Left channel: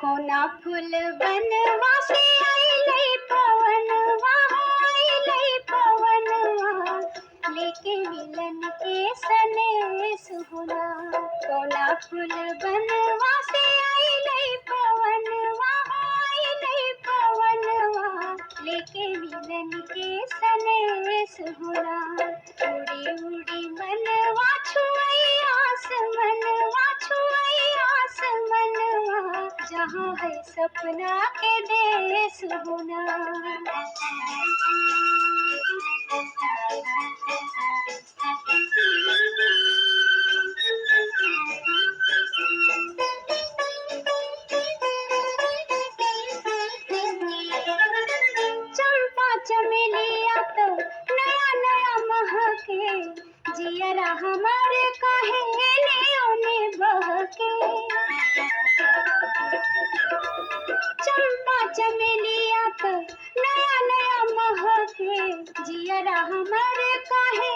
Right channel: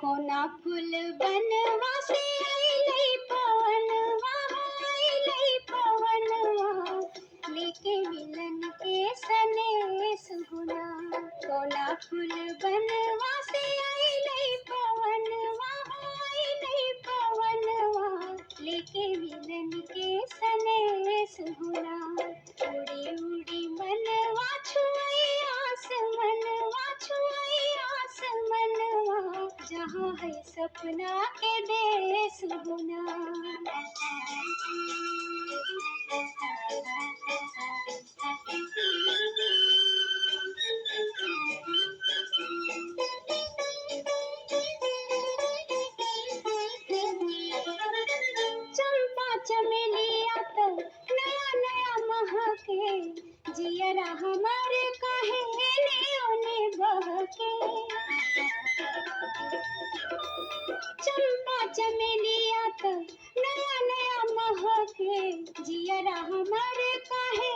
कोना फूल बनवा से आइले पवनवा आइले पवनवा लेके मिलन के सनेस हुना। कोना फूल बनवा से आइले पवनवा आइले पवनवा लेके मिलन के सनेस हुना। उड़ी उड़ी मनवा छुई आसमनवा छुई आसमनवा जहाँ है सपना के देश होना। चंपा चमेलिया तो नया नया महके जियरा हमारे काहे ने बहके। चंपा चमेलिया तो नया नया महके जियरा हमारे काहे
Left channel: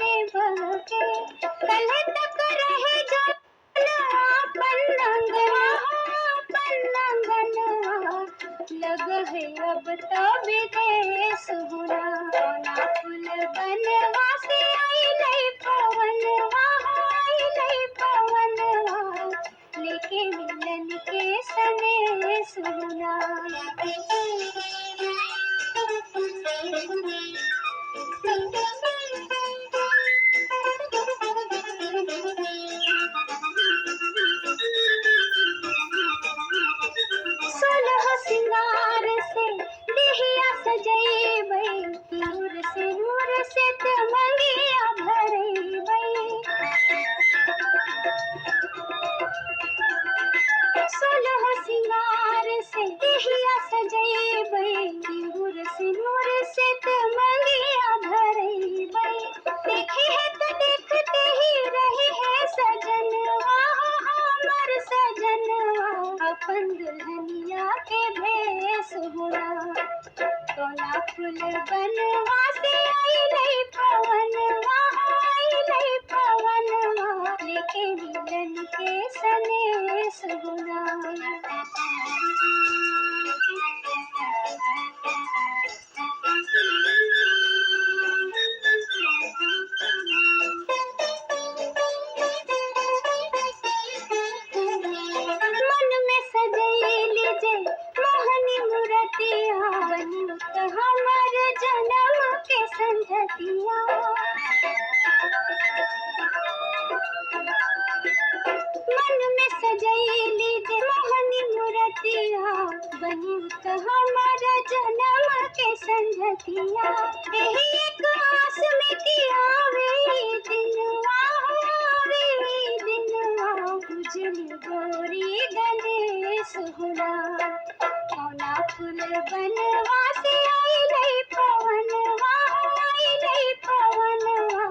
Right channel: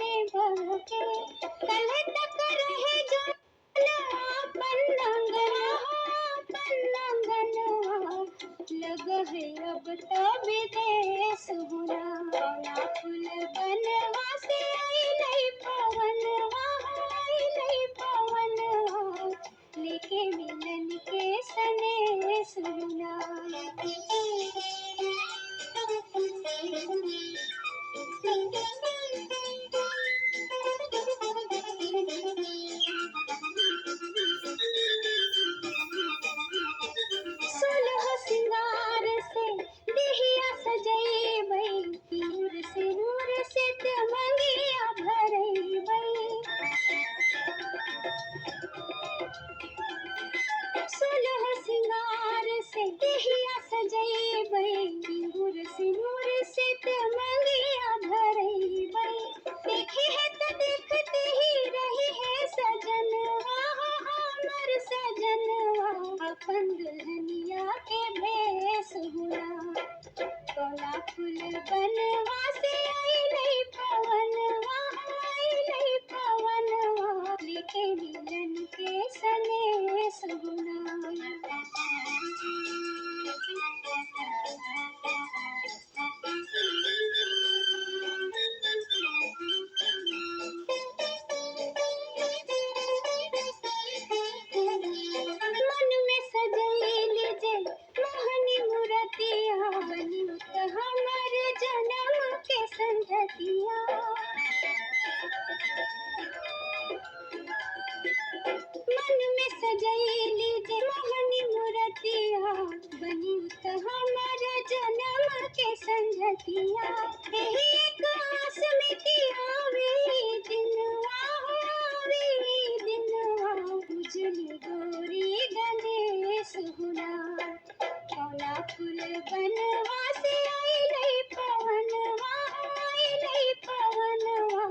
ने बहके। कल तक रहे जानवा पन्नंगवा पन्नंगनवा लग है अब तो विदेश हुना। कोना फूल बनवा से आइले पवनवा आइले पवनवा लेके मिलन के सनेस हुना। सोलह सिंगार से देहिया सजैबै नूर से तमंगिया भरैबै। सोलह सिंगार से देहिया सजैबै नूर से तमंगिया भरैबै। देखे है तो देखते ही रहे है सजनवा हमर सजनवा अपन दुल्हनिया के भेस हुआ। कोना फूल बनवा से आइले पवनवा आइले पवनवा लेके मिलन के सनेस हुआ। मन में सजैली जे मोहनी मूर्तिया बनी हमर जन्म के संझतिया। मन में सजैली जे मोहनी मूर्तिया बनी हमर जन्म के संझतिया। एही एक आस में कि आवे दिनवा उजली गोरी गणेश हुना। कोना फूल बनवा से आइले पवनवा आइले पवनवा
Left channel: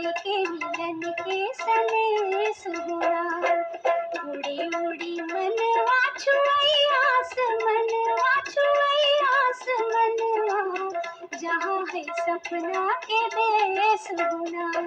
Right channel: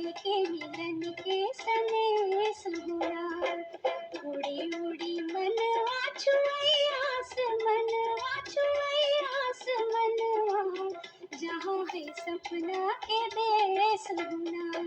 लेके मिलन के सनेस हुआ। उड़ी उड़ी मनवा छुई आसमनवा छुई आसमनवा जहाँ है सपना के देश हुना।